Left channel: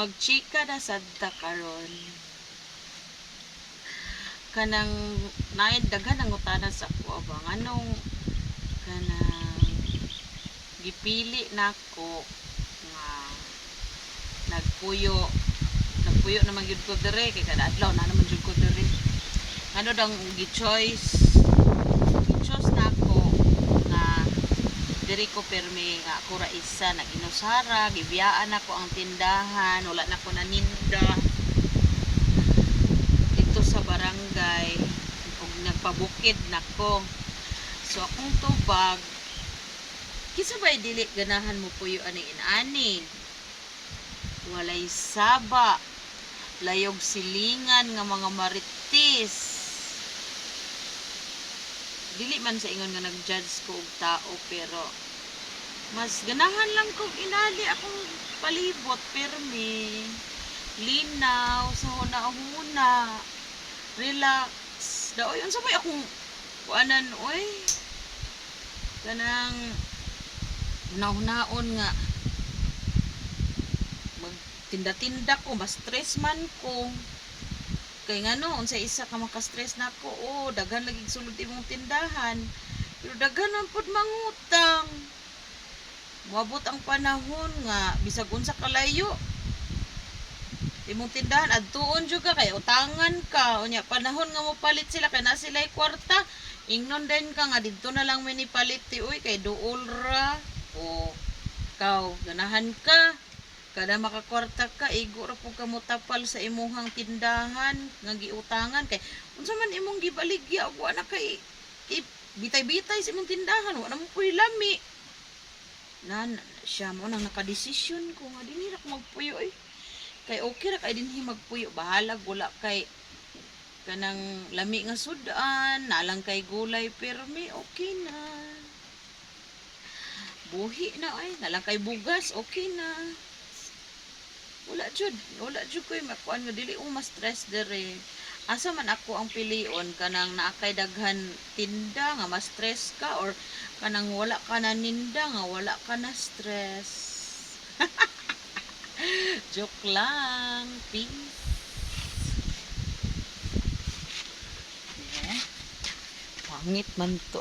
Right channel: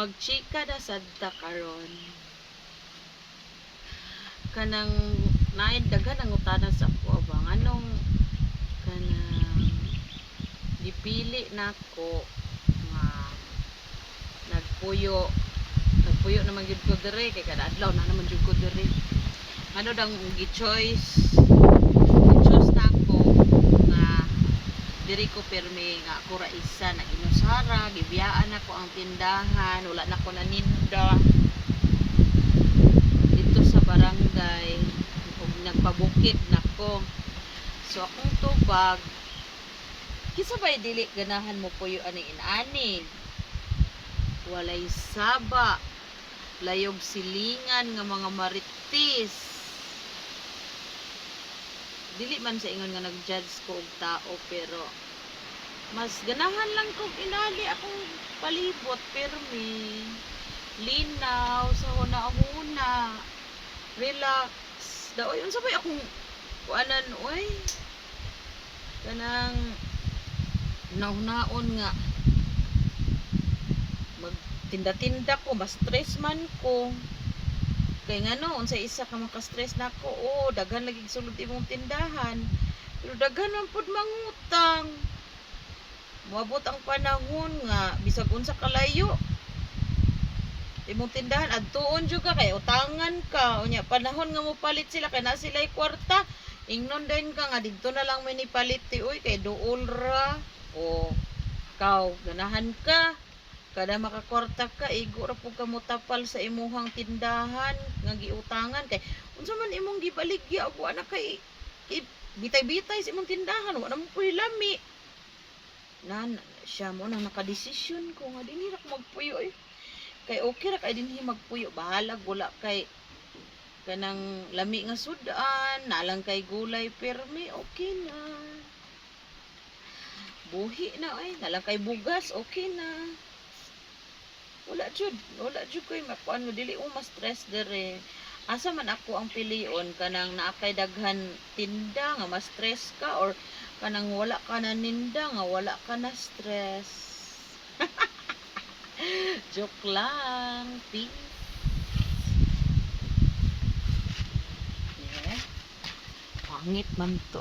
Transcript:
magchika na sadta karon. Kanang naid daghan ang utana sa ako abang anong kanang gipili nako nga nagpuyo naman gyud ko dire kay kada adlaw na naman gyud ko dire. Ano dang gi-choice nako nga diri ko permi nga ako ra isa nag-inusara, gibiyaan ako ang tindahan, wala na ko naninda dito sa barangay ug nagpabukid nako. So akong tubag kisa bay dili ganahan mo puyo ani inani. Walay saba, layog silingan nga mga marites. Dili man sa ingon nga nag-judge ko og tao pero mas ganahan lang kog inali akong palibot permi linaw sa hunahuna relax daoy unsa bay akong kuanan oy kanang nahunaon nga magtinda-tinda ko mas stress man ko kay ngano unsa isa ka maka-stress nako daghan lagi sulod imong tindahan pero daghan man pud mangutang moabot ang panahon nga bisag unsa kalayo imong tindahan adtuon jud ka kay utangan ka unya panahon nga mopalit sila kay na sila'y kwarta ingnon din ka nga didto na lang may nipalit ti uy kay duol ra kaw ganahan ka kada makakwarta ka igo ra pud ka motapal sa imuhang tindahan nga giutangan kay unsa man imong gibaligya og ana kay bitay-bitay sa imong tindahan wala mo puy lami siya mo nang nakadesisyon ko nga dinhi ra ko magpuyo kay okay ra kay dinhi magpuyo bahala wala kay kanang lami nga sudan nalang kay gulay permi okay na buhi na nalang kay bugas okay na wala jud koy makuan nga dili mas stress dere asa man ako ang pilion kanang naakay daghan tinda nga mas stress ka or kanang wala ka na ninda nga wala ka na stress. Joke lang. Peace. Pangit man to.